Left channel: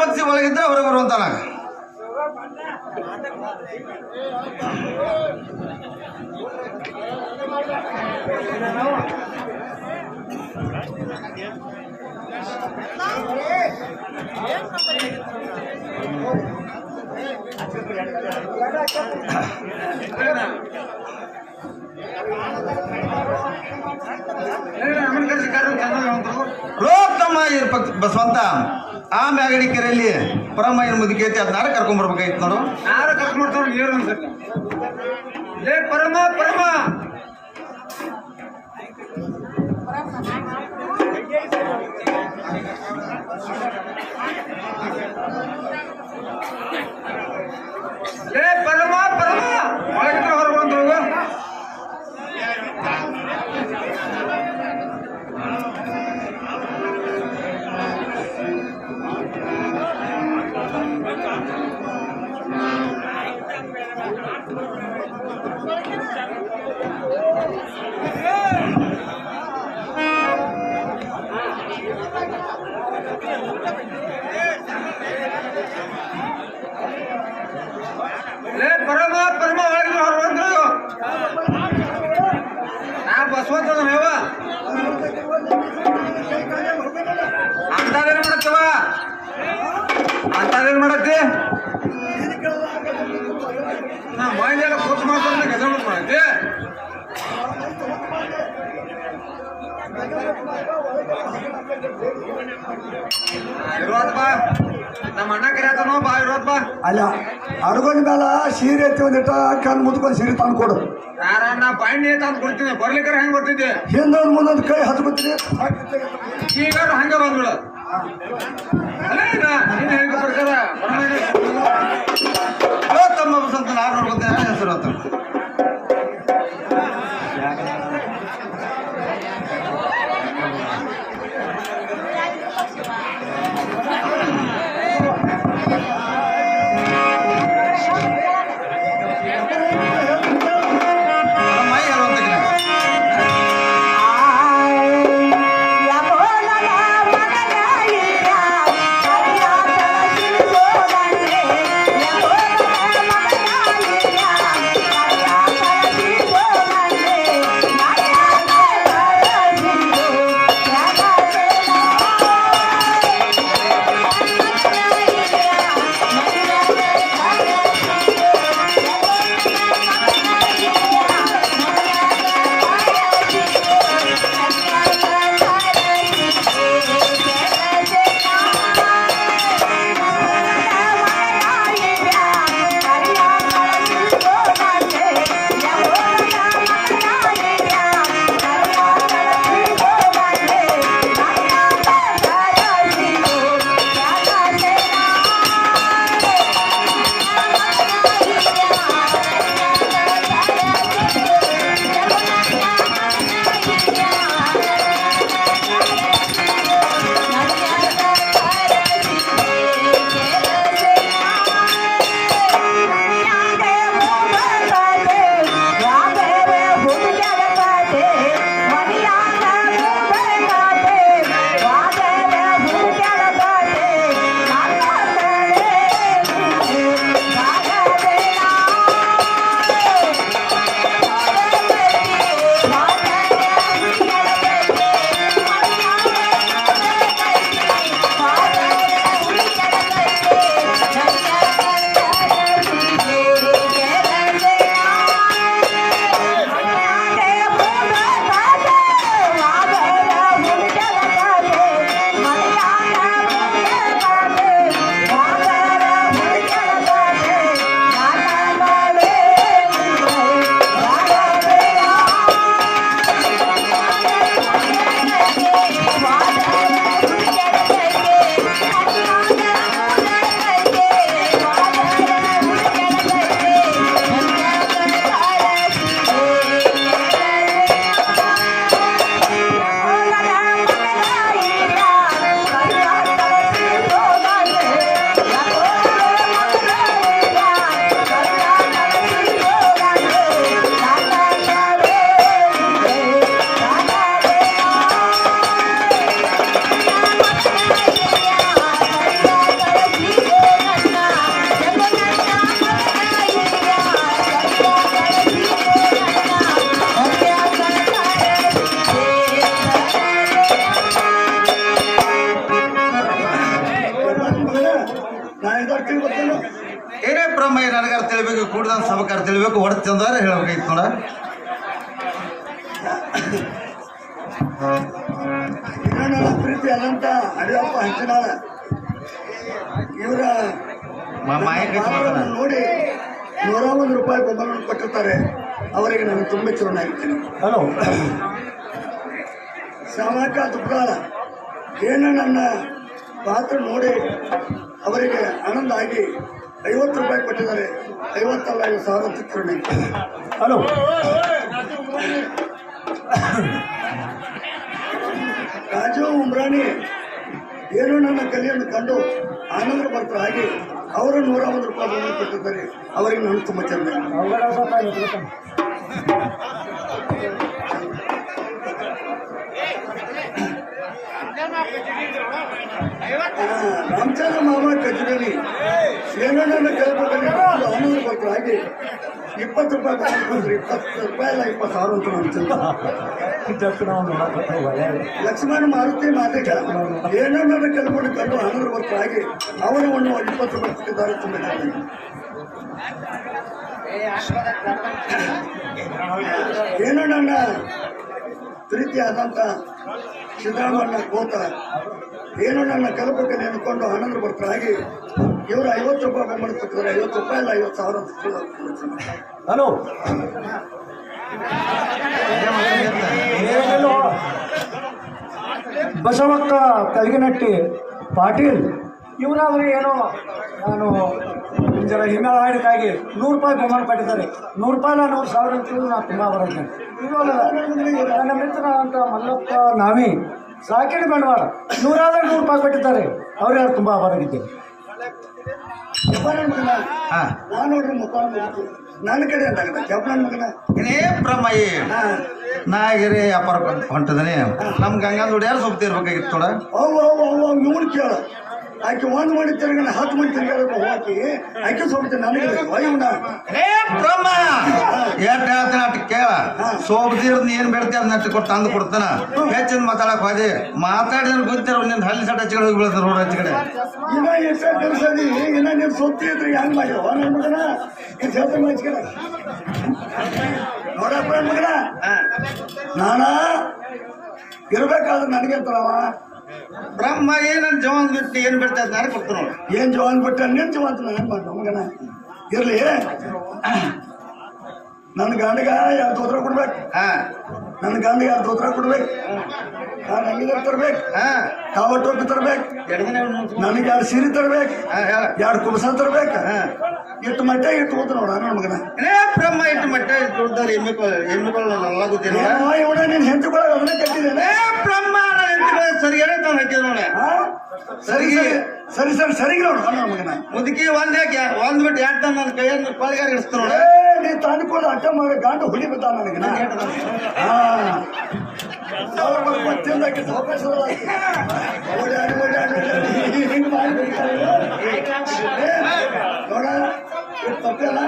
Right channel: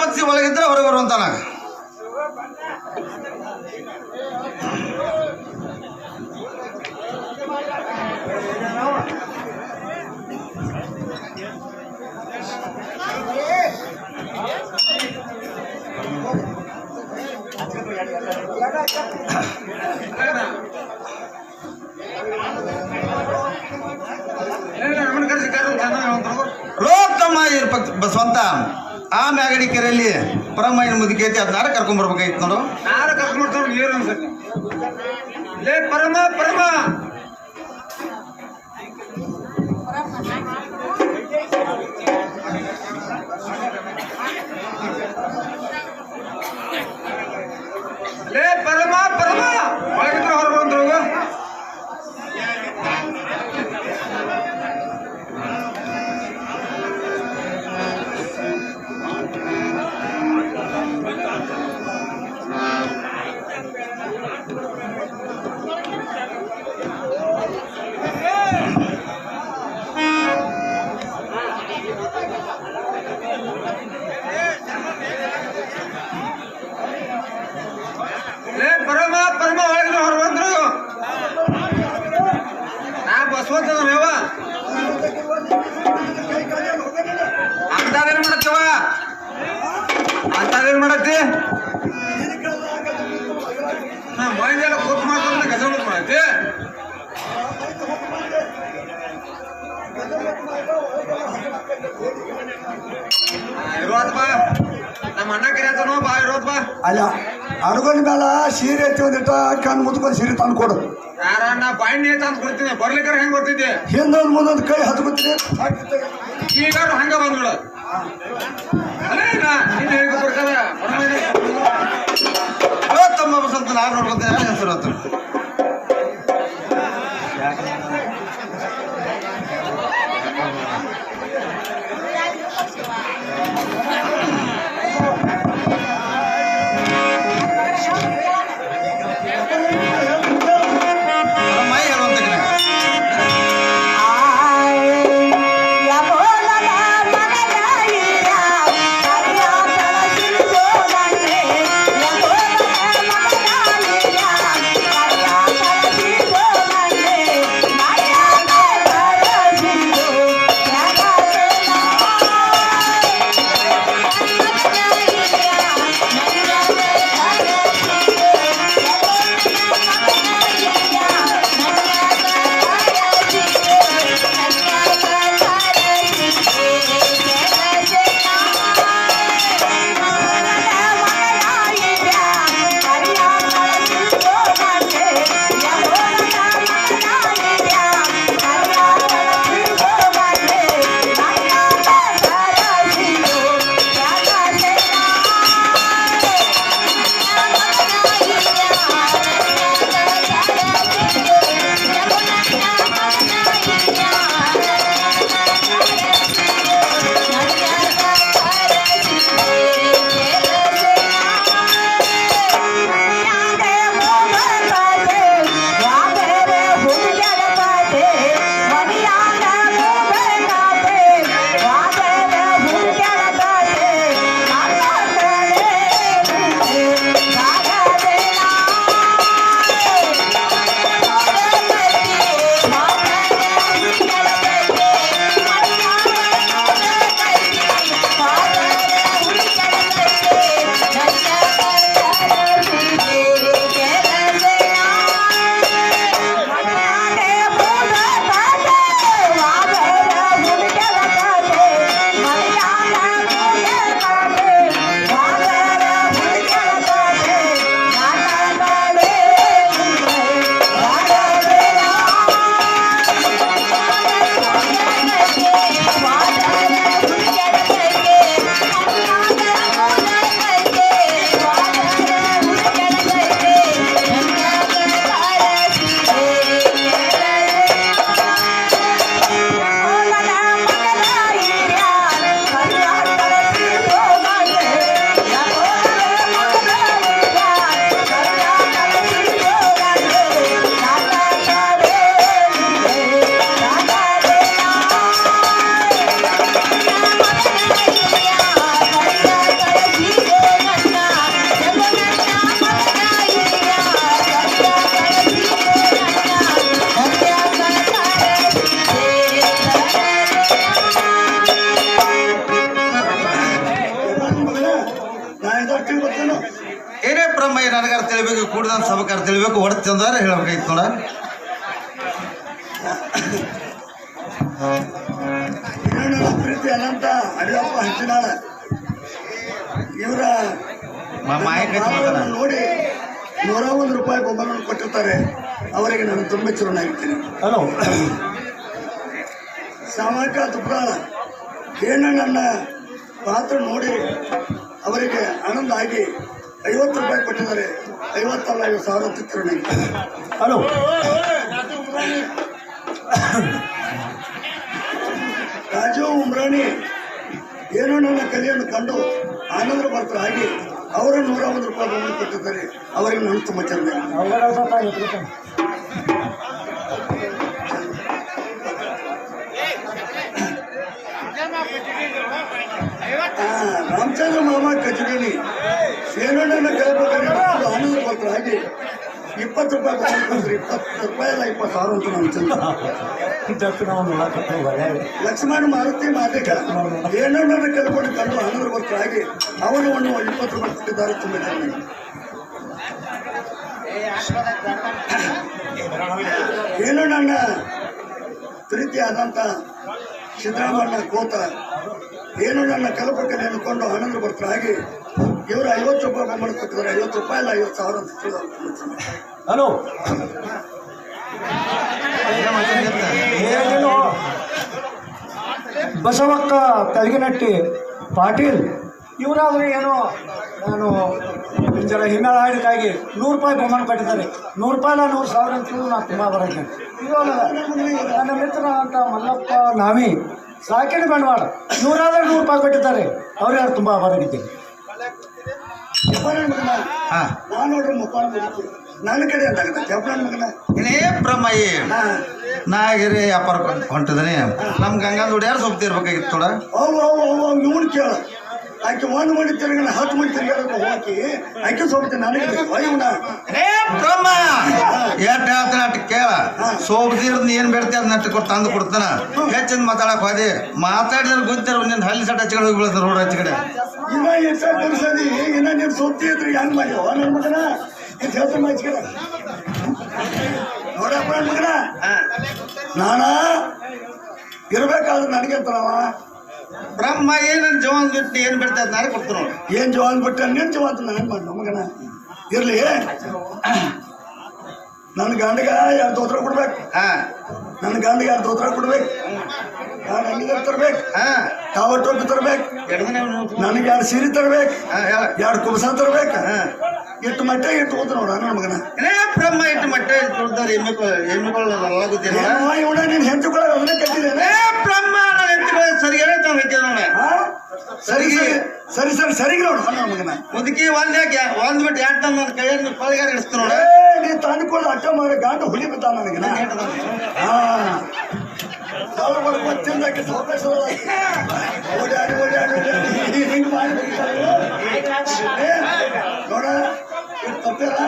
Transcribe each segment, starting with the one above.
ಪಕ್ಷಿ ಒಳಗಿದ್ರೆ ಹೊರಗೆ ಬರುವಂತಾನ. ಬಸವಂತ ಆ ಮ್ಯಾಗಡಿ ಕೆರೆಯಲ್ಲಿ ಪರಮಯ್ಯನ ಮುದುಕಿ ಐತಿ, ಅದ್ ನಾರ ಕರ್ಕೊಂಡ್ ಬರ್ಬೇಕಾಯ್ತು ನೋಡು. ನಾರ ಕರ್ಕೊಂಡ್ ಬರ್ತಾರ ನೀರು ಅನ್ಸತ್ತೆ. ಲೇ ಪರಮ ಪರಮ ಲೇ ಪರಮ ಪರಮ ಒಳಗಿದ್ರೆ ಹೊರ ಬಂದ್ರು. ಲೇ ಪರಮ ಪರಮ ಒಳಗಿದ್ರೆ ಹೊರ ಬಂದ್ರು. ನಾ ಬಸವಂತ ಮೇವ ಅಂತಾರೇನ್ ಮಾಡತ್ತವ, ಅಂತಾರೇನ್ ಮಾಡತ್ತಿ? ಮೈದೆಲ್ಲ ಕೂತ್ ಮಾಡ್ಕೊಂಡ ಕೆಲಸ ಮಾಡತ್ತಿ. ಇರೋದ್ ಬಾ, ನಮ್ಮ ಅಣ್ಣ ಕರಿಯತನೋ ಬಾ, ಇರೋದ್ ಬಾ. ಅಲ್ಲ ಅಡ್ಕೊಂಡ ಮೇಲ ಸೀರೆ ಐತಿ ಒಂದಿಟ್ಟ ಕಣ್ ಮುದ್ಕೊಂಡು ಸೀರೆ ತಂದು ಕೊಡು. ಯಾರಣ್ಣ ಬಾಯಿನೇ ತಂದು ಕೊಡ್ತೀನಿ, ಬರ್ಲಿಕ್ಕಾರ ಹೆಂಗ್ ಬರ್ತಿದ್ದೆ? ಹಿಂದೊಂದು ಮುಂದೊಂದು ಕೈ ಹತ್ಕೊತೀನಿ. ಈಗ ಹಂಗ ಬಂದ್ಬಿಡ. ಹೇಗೆ ಬರ್ತಾರ ತಮ್ಮ ಬಸವಂತ ನಾಲ್ಕು ನೋಡ್ಕೊತ ಹೆಸರು ಆತು. ಅಂತ ಸಭಕಾರ ತಿಳಿಬೇಕು ಹೊಡ್ತಂದ್ರೆ ಹೇಳ್ಬೇಕಾಗಿತ್ತು ನೋಡ. ಪ್ರೀತಿ ಅನಂತ ಅಡಿಯಪ್ಪ ಹಂಚಿನಾಳ ಇವರ ನೋಡಿ ₹101 ಬೆಂಬಲವನ್ನು ಕೊಟ್ಟಿರ್ತಾರೆ. ಅವರಿಗೆ ನಾನು ತುಂಬ ಚಿರನಾಗಿರ್ತೀನಿ. ಹಲೋ ಸಾಮಕ ತುಪ್ಪಳ ಏನು ನನ್ನ ಪಾತ್ರ ನೋಡಿ ಅವರಿಗೆ ಆನಂದ ಆಗಿ ₹50 ಕೊಟ್ಟಿದ್ದಾರೆ. 50 ಅಲ್ಲ 50,000 ಚಿರನಾಗಿರ್ತೀನಿ. ಹಲೋ ರಾಜು ಉಮ್ರಾಣಿ ಏನೋ ನನ್ನ ಕಲಿಯನ್ನು ಕಂಡು ಆನಂದ ಬರ್ತ ಹಾಗೆ ಅವರು ₹101 ಬೆಂಬಲ ಕೊಟ್ಟಿದ್ದಾರೆ. ಅವರಿಗೆ ನಾನು ತುಂಬ ಚಂದ. ರಾಮಚಂದ್ರ ಮಾಮ ಕಜುರೇನಿ ಏನೋ ನನ್ನ ಕಲಿಬೇಕಾದ್ರೆ ಆನಂದ ಬರ್ತ ಹಾಗೆ ₹20 ಕೊಟ್ಟಿದ್ದಾರೆ. ₹20 ಅಲ್ಲ 20,000 ಅಂತ ನಾನು ಚಂದ. ಲಕ್ಷ್ಮಣ ಮಾರುತಿ ಮಾತಿಕ ಏನೋ ನನ್ನ ಕಲ್ಕೊಂಡು ಕಂಡು ಆನಂದ ಬರ್ತ ಹಾಗೆ ಅವರನ್ನು ₹20 ಕೊಟ್ಟಿದ್ದಾರೆ. ತುಂಬ ಚೆನ್ನಾಗಿ ಏನೋ ನನ್ನ ಪ್ರೀತಿಯಾದಂಥ ಸಿದ್ದರಾಮಣ್ಣ ಕೋತ ಏನೋ ನನ್ನ ಕಲ್ಪಕಲ್ಲಿ ಅನ್ಕೊಂಡು ಆನಂದ ಬರ್ತ ಹಾಗೆ ಇವರು ₹50 ಬೆಂಬಲ ಕೊಟ್ಟಿದ್ದಾರೆ. ₹50 ಅಲ್ಲ 50,000 ಅಂತ. ಹಲೋ ಬಸವಕ್ಕ ಕಲ್ಗಿನಟ್ಟಿ ಪಾಟೀಲ್ ಇವರಾದ್ರೆ ಏನೋ ನಾನು ಜರ ಹಿಮೇಳ ಹಾಡಿಗಾಗಿ ₹100 ಬೆಂಬಲ ಕಟ್ಟಿದ್ದಾರೆ. ₹100 ಅಲ್ಲ 100,000 ಅಂತಲೂ ನಾನು ತುಂಬ ಬರಕ್ಕೆ. ಇವಾಗ ನನ್ನ ಮಿತ್ರನಾದಂಥ ಮಲ್ಲಪ್ಪ ನಾವಿ ಸಾಕಿನ ಬಂಡವಾಳ ₹100 ಕಟ್ಟಿದ್ದಾರೆ. ಅವ್ರ್ಯಾರು ತುಂಬ ಬರಗಿದ್ದೇನೆ. ನಾನು ನೋಡ್ರಿ ಮುಖಾನ್ ನನ್ನ ಕಡೆ ಅಂತಾಗುತ್ತೆ ಜಪನ್ ಮಗನ ಏನೇ ಬ್ರಹ್ಮಯ್ಯ ನಾಗಿರಿ ವ್ಯಾಪಾರ ಹೊಂಟಿದಾನೆ. ನಮ್ ಗಂಗಾದ ಹುಡ್ಯಾರು ಸ್ವಲ್ಪ ಇರ್ಬೇಕಾಗಿತ್ತು ನೋಡ. ಇವನು ಕೇಳ ಆಕೆ 1 ಮಾಡಿ ತಿರ್ಗ 10 ಮಂದಿ ತಿರ್ಗಾಡಬೇಕು ಹೋಗಿ ಆಕೆ ಸೋಬತ್ತೆ ನನಗೆ ಬ್ರಹ್ಮ ಎಟ್ ಹೇಳ್ತಾನ ಅಟ್ ಕೇಳ. ಸೋಬ್ದಿರೋದ್ ಏನ್ ಬೇಡ್ತಿ ಅದ್ ನೆಟ್ಟು ಕೊಟ್ಟು ತಂದು ಕೊಡ್ತಾನ. ಹೆಚ್ಚಿನ ಮಾತಾಡಕ್ ಹೋದೆ ಮಾತಾಡಿದ್ರೆ ಗೊತ್ತಿರೋ ನಿನ್ ಹಲ್ಲಿ ಸಟ್ ಹಚ್ಕಡೆ ಹೋಗಿ ಬೀಳತ್ತ ರೋಡ್ ಹಚ್ಕಡೆ. ಇನ್ನ ಎಷ್ಟು ಕಲ್ಸದಿ ಇನ್ನ ನೀನ್ ಸೋತಿ ಇದ್ರಿ ಹೆಂಗ್ ಮಾಡ್ಯೋ ನನ್ನ ಮಗನ ಇದು ಹೇಳ್ತಾನ ಹಚ್ಕಡೆ ನೋಡಪ್ಪ ಮಗನ ನಾನ ಇರ್ಬೇಕಾದ್ರೆ ನನಗೆ ಅಂತಾರವ ಬ್ರಹ್ಮ ಏನ್ ನನ್ ಜವಾನ್ ಬಿಟ್ಟು ಏನ್ ಬಿಡ್ತಾ ಇದ್ ನಾನೇ ಕೊಡ್ತಾನ. ಏನ್ ಜವಾನ್ ಬಿಟ್ಟ ನೀನ್ ಜವಾನ್ ನನಗೆ ಮಾಡ ಮಗನ ಇರ್ಲಿ. ನನ್ನ ಗಂಡಗ 2 ದೋತ್ರ ಕೊಡ್ಬೇಕು. ನನ್ನ ಗಂಡಗೆ 2 ದೋತ್ರ ಕೊಡ್ಬೇಕು. ನಾನು ಅಂಗಿದಾರ ತರ್ಬೇಕು. ಕಾವ ಟೋಪಿ ತರ್ಬೇಕು. ನನಗೆ 2 ಸೀರೆ ತರ್ಬೇಕು. 2 ಕುಬಸ ತರ್ಬೇಕು. ಇಟ್ಟು ಮಟ್ಟ ಇಟ್ಟು ಹೋದ್ರು ನೋಡ ನನ್ನ ಮಗನ ಬ್ರಹ್ಮ ಇಟ್ಟು ಮಟ್ಟ ಕೊಡ್ತಾರೆ. ಎಮ್ಮೆಗಳಲ್ಲ ಗೊತ್ತಿಲ್ಲ ಇವನ ನೀನ್ ಹೆಂಚುಗಳ ಅದನ್ನ ಕಟ್ಟಿದ್ದೇನೆ. ಬ್ರಹ್ಮ ಸರಿ ಹಾಕಿದ ನೋಡ. ಸರಿ ಸರಿ ಸರಿ ಸರಿಗೆ ನೋಡು ನನ್ನ ಮಗನ ಮುದುಕಿ ಒಂದ್ ಬಿಟ್ಟು 2 ಟನ್ ನನ್ನ ಕೈಯನ್ನು ಕೊಳಗಾರ ಇಡಿಸ್ತ ನೋಡ. ನೀ ತಂದುಕೊಂಡು ಅಕ್ಕ ಮಾಡಿ ಗಾಂಡು ಹುಲಿ ಬಿದ್ದ ನನಗೆ. ಗೊತ್ತಿಲ್ಲಕ್ಕೆ ಸಾವಕಾಶ ಓಡಾಡಿ ಓಡಾಡಿ ಹಿಂಗ್ ಮಾಡಿ ನೋಡ ತಪ್ಪಲ್ಲ.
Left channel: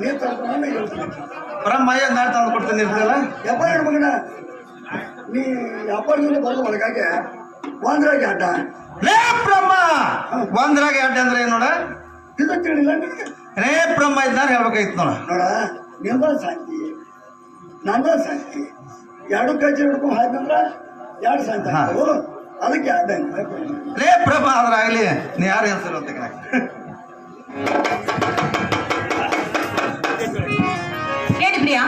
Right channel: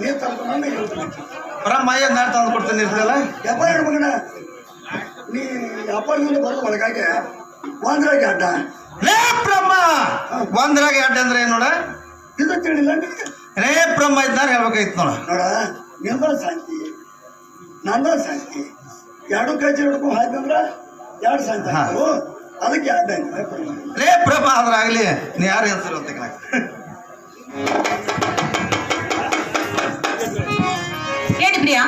ನೀರ್ ತಂದು ಇರ್ತದೆ ಬ್ರಹ್ಮ ಏನ್ ನಾಳೆ ತಂದು ಕೊಡ್ತೇನೆ ಇರ್ತಲ್ಲ. ಯಪ್ಪ ಹೇಳು ಮಗನ ನೀ ವ್ಯಾಪಾರದಿಂದ ಬರೋದು ಒಳಗಾಗಿ ಒಂದ್ರಾಗೆ ಅಡ್ಡ. ಬ್ರಹ್ಮ ಒಂದ್ರಾಗೆ ಅಡ್ಡ ಅಂದ್ರೆ ಏನ್ ನೋಡ. ಇದು ತಿಳಿಲ್ಲ ಬ್ರಹ್ಮ ಇದ್ದಾಗ ಹೇಳ್ಬೇಕಾಯ್ತು ನೋಡ. ನೋಡ ನಿಂದ ಶಾಂತಿ ನಂದ ಶಾಂತಿ 2 ಕೈ ಹಿಡ್ಕೊಂಡು ಹಾಯ್ತಂದ್ರ 2 ಶಾಂತಿ ಆಗ್ತವು. ಅದಕ್ಕೆ ಅಡ್ಡ ಬ್ರಹ್ಮ ಆದ್ರೆ ಆಗ್ಲಿ ನೀ ಯಾರು ಹೆಸರು ಅಂತ ಹೇಳಿ ಪ್ರಿಯಾ.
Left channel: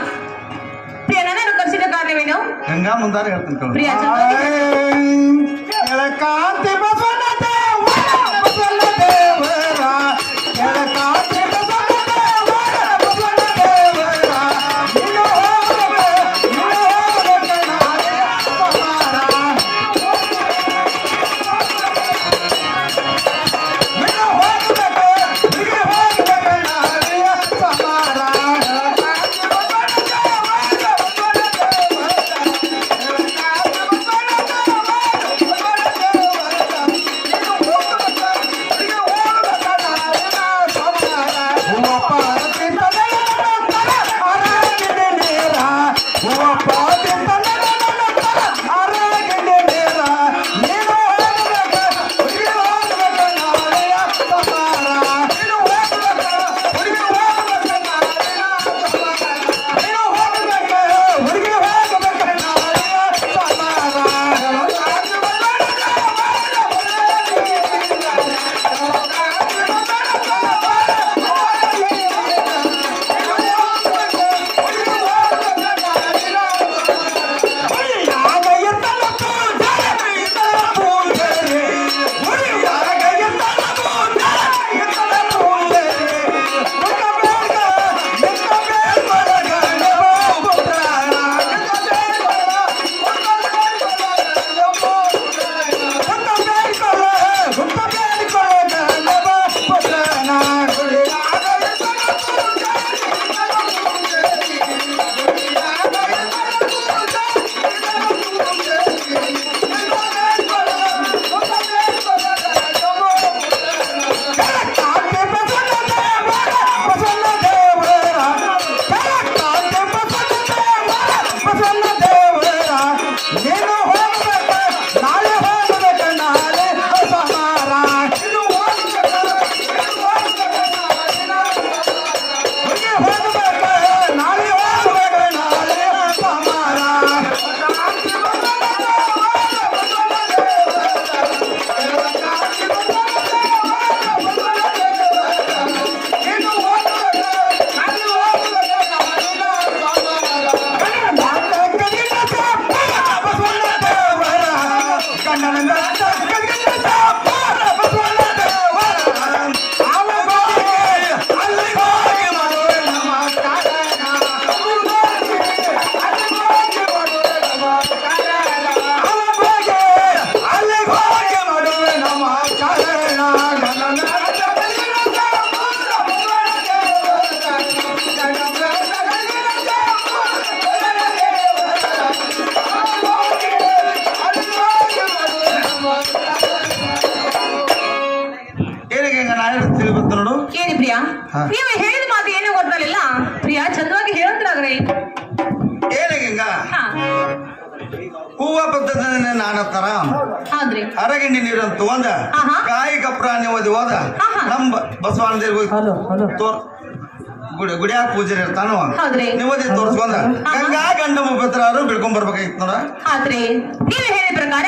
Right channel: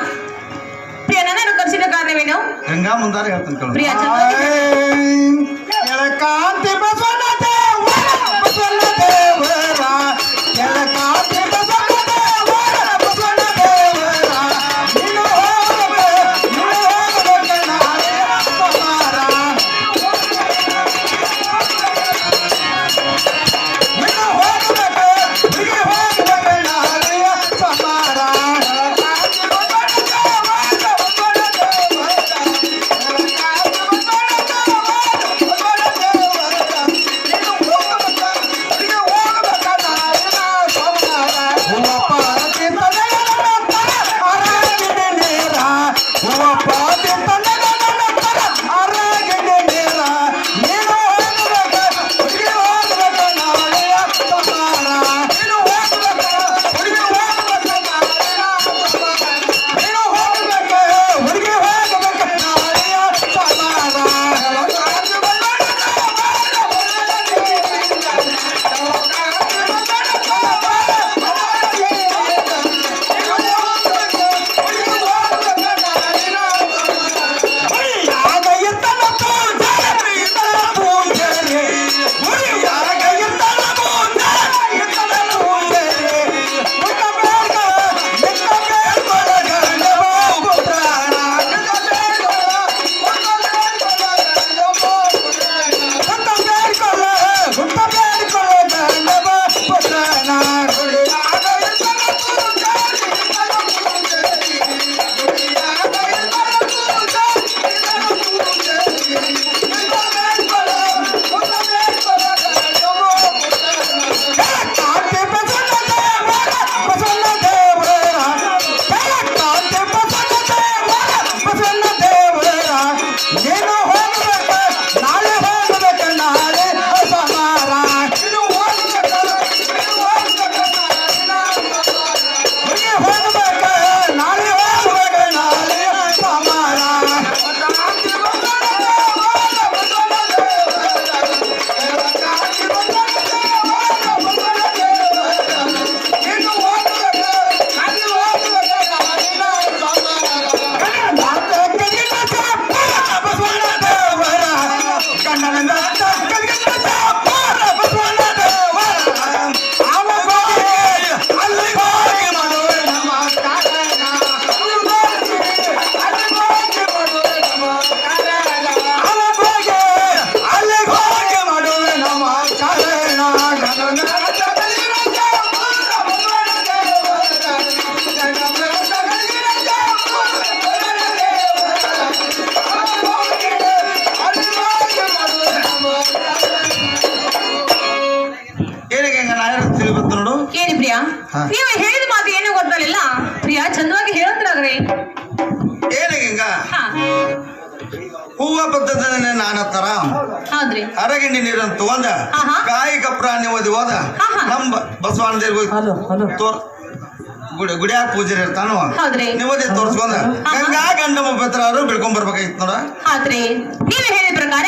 ಪ್ರಿಯಾ ನನ್ನನ್ನು ಕರೆಸಿದ ಕಾರಣವೇನು? ಗಂಗಾ ಮುಂದಾರೆ ಹೇಳ್ತಾನೆ ಪ್ರಿಯಾ ಹಾ. ನೀವು ಹೇಳಿದ ಮಾತು ಏನು ಗೊತ್ತಾಗಲಿಲ್ಲ. ಪ್ರಿಯಾ ಚಂದವಾಗಿ ಹೇಳ್ತಾರ್ರಿ. ಏನ ಹಿಂಗ ಹಾ ಹೂವ ಪದ್ಧತಿ ನಾನತ್ತರ ಹೌದ್ರಿ. ಅರಗಿಂಡಿ ನೀರನ್ನು ತಗೊಂಡ ಆಹಾ. ಕಾಯಿ ಕಪ್ರ ನಿಮ್ಮದಿ ಹೋದ ಆಹಾ. ನಮ್ಮ ಬಸವಣ್ಣ ದೇವ್ರಿಗೆ ಹಲೋ ಹಲೋ ತೋರ್ ಗುಡಿಯಾಗ ಪೂಜೆ ಇರ್ತಾನು ಹೌದ್ರಿ. ನಿಮ್ಮದಿ ತೋರ್ಸ್ಕೊಂಡ ಗಂಗಾ ಗಂಡಮ್ಮ ಪತ್ರ ಅವರು ಬಿಡ್ಕೊಂಡ್ ಬರ್ಬೇಕಾಗಿತ್ತು ನೋಡ. ಆದ್ರೆ ನೀವು ಹೇಳಿದ ಪ್ರಕಾರ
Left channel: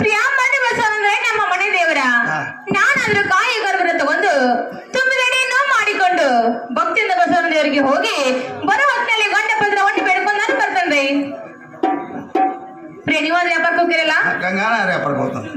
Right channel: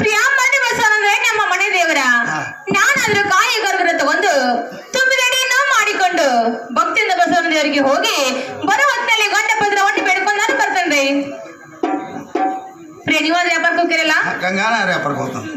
ಪ್ರಿಯಾ ಮನೆ ಬಸವನಂದ್ರೆ ನಮ್ಮ ಮನೆ ದೇವರ. ನಾನಾದ್ರೂ ಕಾಯಿ ಗರ್ಭನ ತಗೊಂಡು ತುಂಬಿದೆಡೆಯನ್ನು ಮಾಡಿಕೊಂಡು ಭಕ್ತಿಯಿಂದ ಬಸವನ ದೇವರಿಗೆ ಹೋಗಿ ಬರೋ ಹೊತ್ತಿನಲ್ಲಿ ಗಂಡ ಪತ್ರ ಒಟ್ಟು ಬೇಡ್ಕೊಂಡು ನಾನು ಬರ್ತೇನ್ರಿ. ಪ್ರಿಯ ನೀವಾದ್ರೆ ವ್ಯಾಪಾರಕ್ಕೆ ಹೋಗ್ತಿರಲ್ಲ? ಗಂಗಾನ ರ್ಯಾಪರ್ ಹೋಗ್ತಾನೆ.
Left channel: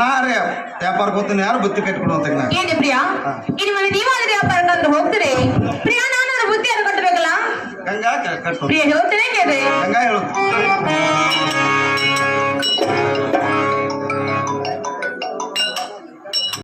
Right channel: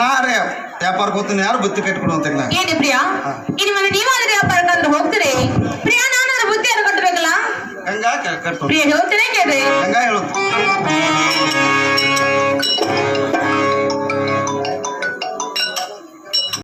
ನಾರೇ ವ್ಯಾಪಾರಕ್ಕೆ ಹೋಗ್ತೀನಿ, ಯಾರು ಬುತ್ತಿ ಕಟ್ಕೊಡು ಅಂತ ನಾ. ಏನೇ ಪ್ರಿಯಾ, ಇನ್ನು ಮೇಲೆ ನೀವಾದ್ರೆ ವ್ಯಾಪಾರಕ್ಕೆ ಅಂತ ಹೋಗ್ತೀರಿ. ಪ್ರಿಯಾ ನಾನು ಬುದ್ಧಿಯನ್ನು ಕಟ್ಟಬೇಕಲ್ಲ. ಗಂಗಾ ಕಟ್ಟು ಪ್ರಿಯ ಹೇಳ್ತೀನಿ ಕೇಳ್ರಿ. ಗಂಗಾ ಹೇಳು.